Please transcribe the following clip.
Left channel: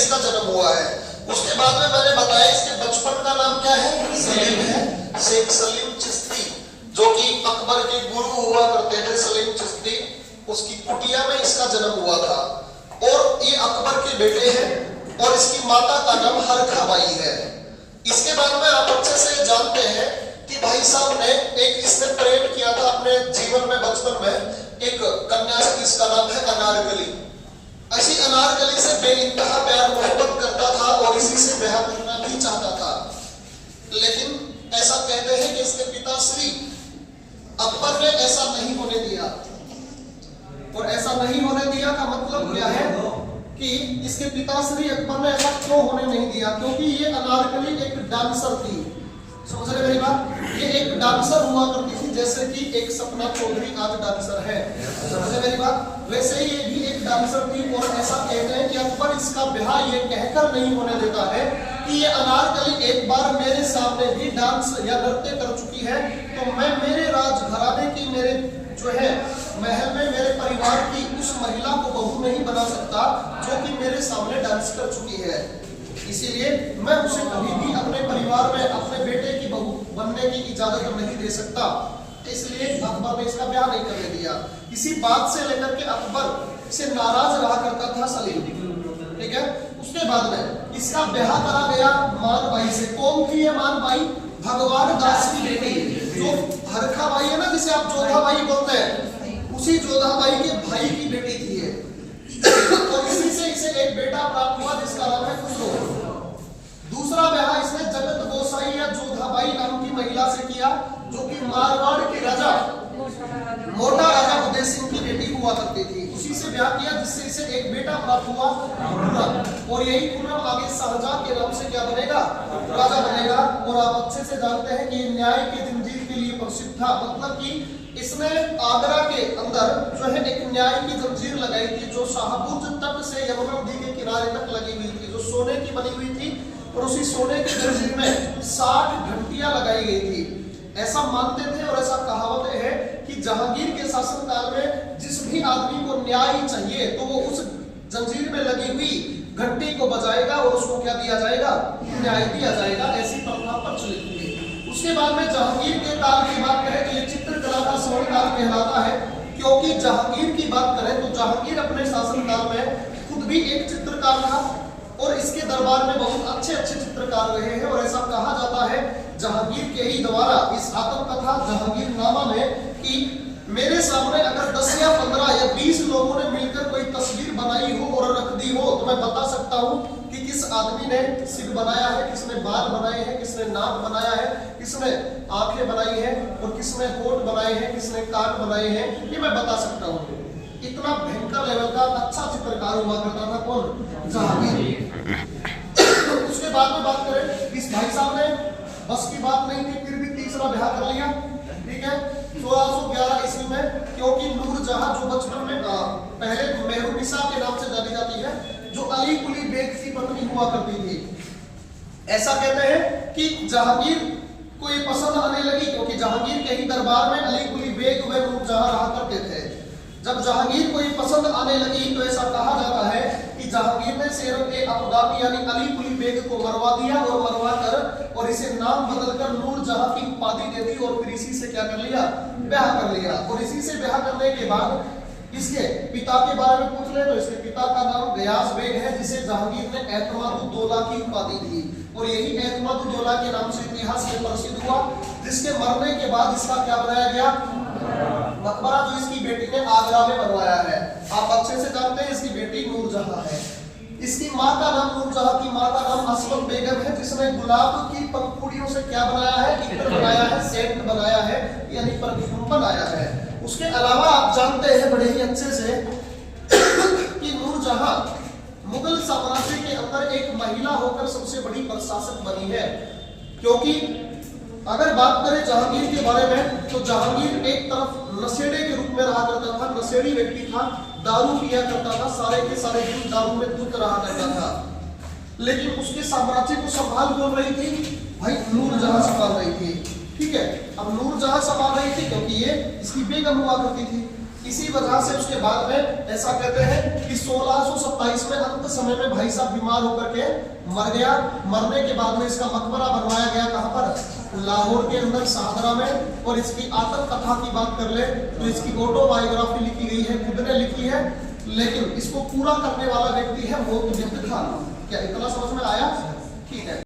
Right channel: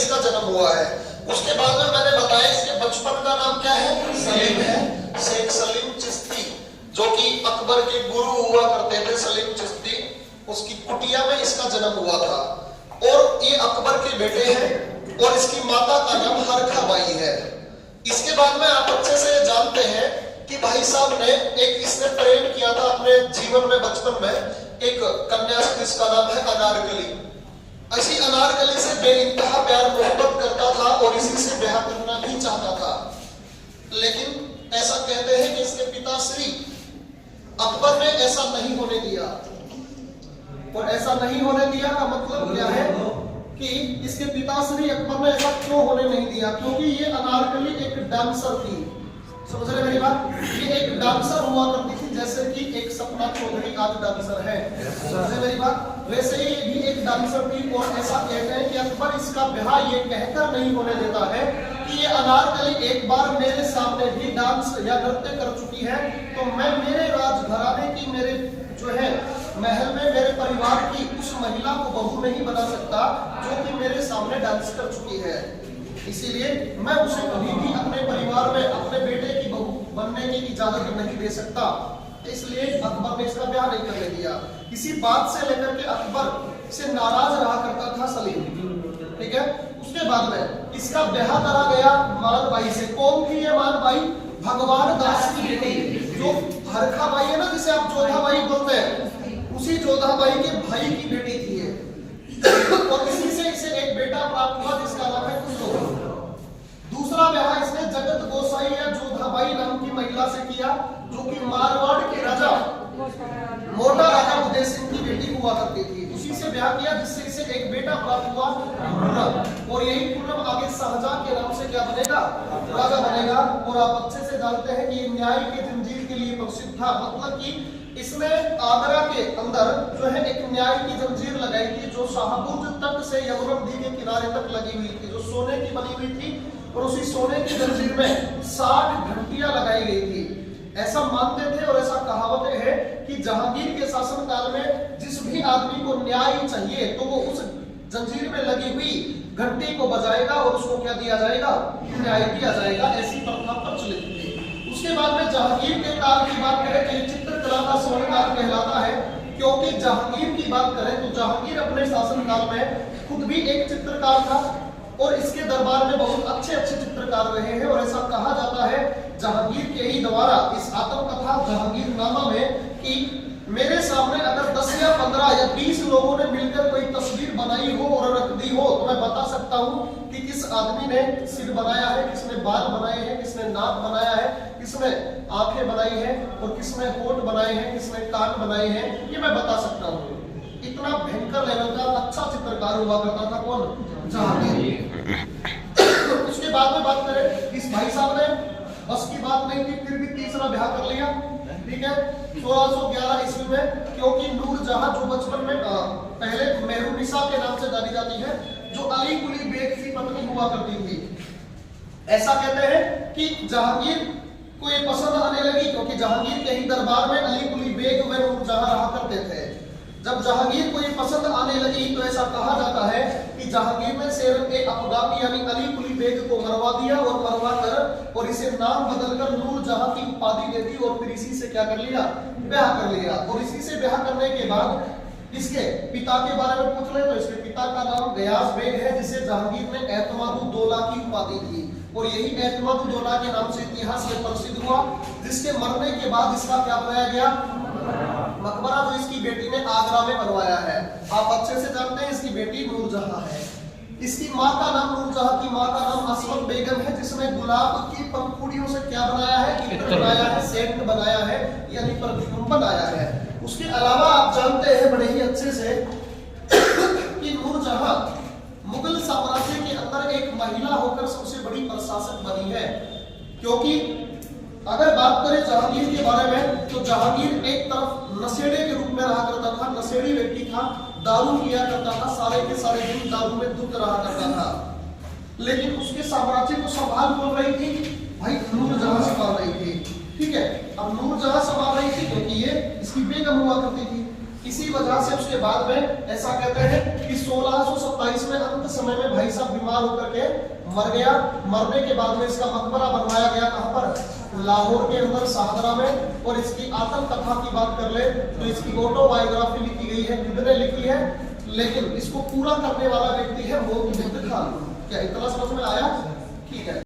इसका जन्म हुआ है। उसके बाद में मैंने बताया इसके बचपन का नाम क्या है, सलीम है, शेख सलीम चिश्ती, जो कि अकबर के गुरु हुआ करते थे। सलीम चिश्ती, उसकी कुटिया में इसका जन्म हुआ था और ये अकबर के बेटे हैं और इसकी माता का नाम हरखा बाई है। इसके बाद में आप अच्छे से जानते हैं कि भाई साहब ने एक इसने प्रेम किया था अपने जीवन में, बचपन में एक कन्या से, जिसका नाम है अनारकली। ऐसी अनारकली से बेइंतहा प्यार मोहब्बत करता था और इसी से ब्याह करना भी चाहता था। लेकिन ऐसा कहते हैं कि इसके पिता श्री अकबर ने ऐसा नहीं होने दिया। और ऐसा नहीं होने दिया का मतलब क्या है कि इसके पिताश्री अकबर ने ऐसा क्यों होने नहीं दिया, क्योंकि ये अनारकली एक डांसर थी। समझ रहे मेरी बात? ये एक डांसर हुआ करती थी, जैसे कि एक सपना चौधरी आज डांसर है। समझ रहे मेरी बात? वैसे ही ये भी एक डांसर थी। और ऐसा कहते हैं कि अकबर इसका ब्याह ये कहकर नहीं होने देता है कि ये अनारकली एक बार मेरे सामने भी डांस या नृत्य कर चुकी है, तो मैं मेरे राजघराने की, मेरे जो है महल में मेरे परिवार की उस महिला को बहू नहीं बना सकता जो कि मेरे सामने डांस कर चुकी है। इसीलिए मैं उसे कभी भी अपने परिवार में अपने बेटे की बहू बनने की इजाजत नहीं दे सकता। इसलिए अकबर ने इसका ब्याह नहीं करने दिया। इसी बात से लेकर के अकबर से नाराज रहा करता था सलीम, ठीक है। उसके बाद में इसका ब्याह करा गया मान बाई से। कौन थी ये मान बाई? भगवान दास की बेटी, जो हरखा बाई है ना, जिसे आप जोधा बाई बोलते हैं, उसी जोधा बाई के भाई की बेटी थी ये। और इसी से इसे एक बेटा प्राप्त हुआ जिसका नाम है कुंदो। दूसरा ब्याह इसने जगत गोसाई या जोधाबाई नाम की महिला से किया, जो कि मारवाड़ के राजा मोटा राजा उदय सिंह की बेटी हुआ करती थी। उसी से ब्याह किया जिससे इसे एक बेटा प्राप्त हुआ खुर्रम। और यही खुर्रम आगे शाहजहां के नाम से क्या बनेगा? राजा बनेगा। और आप अच्छे से जानते हैं कि ये न्याय की जंजीर के लिए प्रसिद्ध था। मतलब कि इसने आगरा के अंदर जो है एक न्याय की जंजीर लगाई थी, जो शाहबुर्ज तट से यमुना नदी के किनारे तक लगी हुई थी, जो सोने की बनी हुई थी। और उसी सोने की जंजीर में 60 घंटियां लगाई गई थी। ऐसा मानते थे और ऐसा कहावत है कि जहांगीर के शासनकाल में जिस भी आदमी को न्याय चाहिए तो वो उस जंजीर में लगी हुई घंटी को बजाएगा और उसको क्या दिया जाएगा? न्याय दिया जाएगा। ऐसी प्रथा प्रचलित थी। उसके बाद में जहांगीर के काल की बात करें तो ये चित्रकला का स्वर्णकाल कहलाता है, क्योंकि जहांगीर की बात करें तो जहांगीर अपने शासनकाल में खुद भी एक चित्रकार था और इसके दरबार में बहुत अच्छे अच्छे चित्रकार रहे हैं। और ऐसा कहा जाता है जहांगीर के ही द्वारा इस आत्मकथा जहांगीरनामा में कि मेरे सामने अगर 10 या 15 या 20 लोगों ने मिलकर कोई तस्वीर बनाई हो और रख दी हो तो मैं बता सकता हूँ कि किस आदमी ने सिर बनाया है, किसने बाल बनाए हैं, किसने नाक बनाया है, किसने आंखें बनाई हैं और किसने होंठ बनाए हैं, किसने कान बनाए हैं, ये मैं बता सकता हूँ। इतना भयंकर लेवल का अच्छा चित्रकार हुआ करता था कौन? जहांगीर। उसके बाद में बात करें, इस भाई साहब ने बस की बात नहीं थी, फिर भी तीसरा ब्याह कर लिया, ठीक है, 1611 ईस्वी में। क्योंकि नूरजहां जो बचपन में पहले मेहरुनिसा के नाम से जानी जाती है, जो अली कुली बेग की पत्नी हुआ करती थी। ऐसा कहते हैं कि जहांगीर को ये पसंद आने लगी, क्योंकि जहांगीर के ही दरबार में अली कुली बेग व नूरजहां रहा करते थे। जब जहांगीर को ये पसंद आने लगी तो ऐसा कहा जाता है कि जहांगीर ने शेर-ए-अफगानी यानी अली कुली बेग को मरवा दिया और मरवा कर और इसे नाम बदलकर नूरजहां की उपाधि दे दी और फिर इसी से क्या कर लिया? ब्याह कर लिया। और इसी से ब्याह करने के बाद इसके पिता के बारे में पूछ ले तो इसके पिता का नाम गयास बेग है, जिसे जहांगीर ने एतमादुद्दौला की उपाधि दी। और यही एतमादुद्दौला के नाम से इतिहास में प्रसिद्ध हुआ, जिसके मरने के बाद इसका क्या बनाया गया? मकबरा, जो इसकी बेटी ने आगरा में बनवाया है। आप अच्छे से जानते हैं इसकी बेटी नूरजहां है। इसकी माँ का नाम, नूरजहां की माँ का नाम असमत बेगम है, जिसने गुलाब की पंखुड़ियों से क्या बनाया है? इत्र बनाया है, सेंट बनाया है, यानी परफ्यूम बनाया है। उसके अलावा आप जानते हैं बड़े ही अच्छे से कि नूरजहां मुगल साम्राज्य के अंदर एक महिला होकर सबसे बड़ी प्रशासक बनी है। क्योंकि अगर बात करें जहांगीर के बारे में तो जहांगीर एक तरफ नशेड़े के रूप में रहा करता था, नशेड़ी व्यक्ति था, दारू पिया करता था, सारे के सारे दिन दारू में धुत रहा करता था। लेकिन उसके साम्राज्य को संभाल कौन रही थी? भाई नूरजहां संभाल रही थी, ठीक है। अब नूरजहां संभाल रही थी क्योंकि ये इसकी बेगम हुआ करती थी। इसी वजह से उसके बाद में ऐसा कहते हैं कि 1627 में अंत समय में भाई साहब बीमार होकर के मर गया। मरने के बाद में इसका मकबरा बनवाया गया कहां पर, लाहौर के अंदर शाहदरा में। और इसकी आत्मकथा की बात कर ले तो इसकी ऑटोबायोग्राफी लिखी गई है, खुद ने लिखी है, लेकिन इसको पूरा करने वाला व्यक्ति है मोतीबिंद खान। क्या इतना समझ में आया? ठीक है।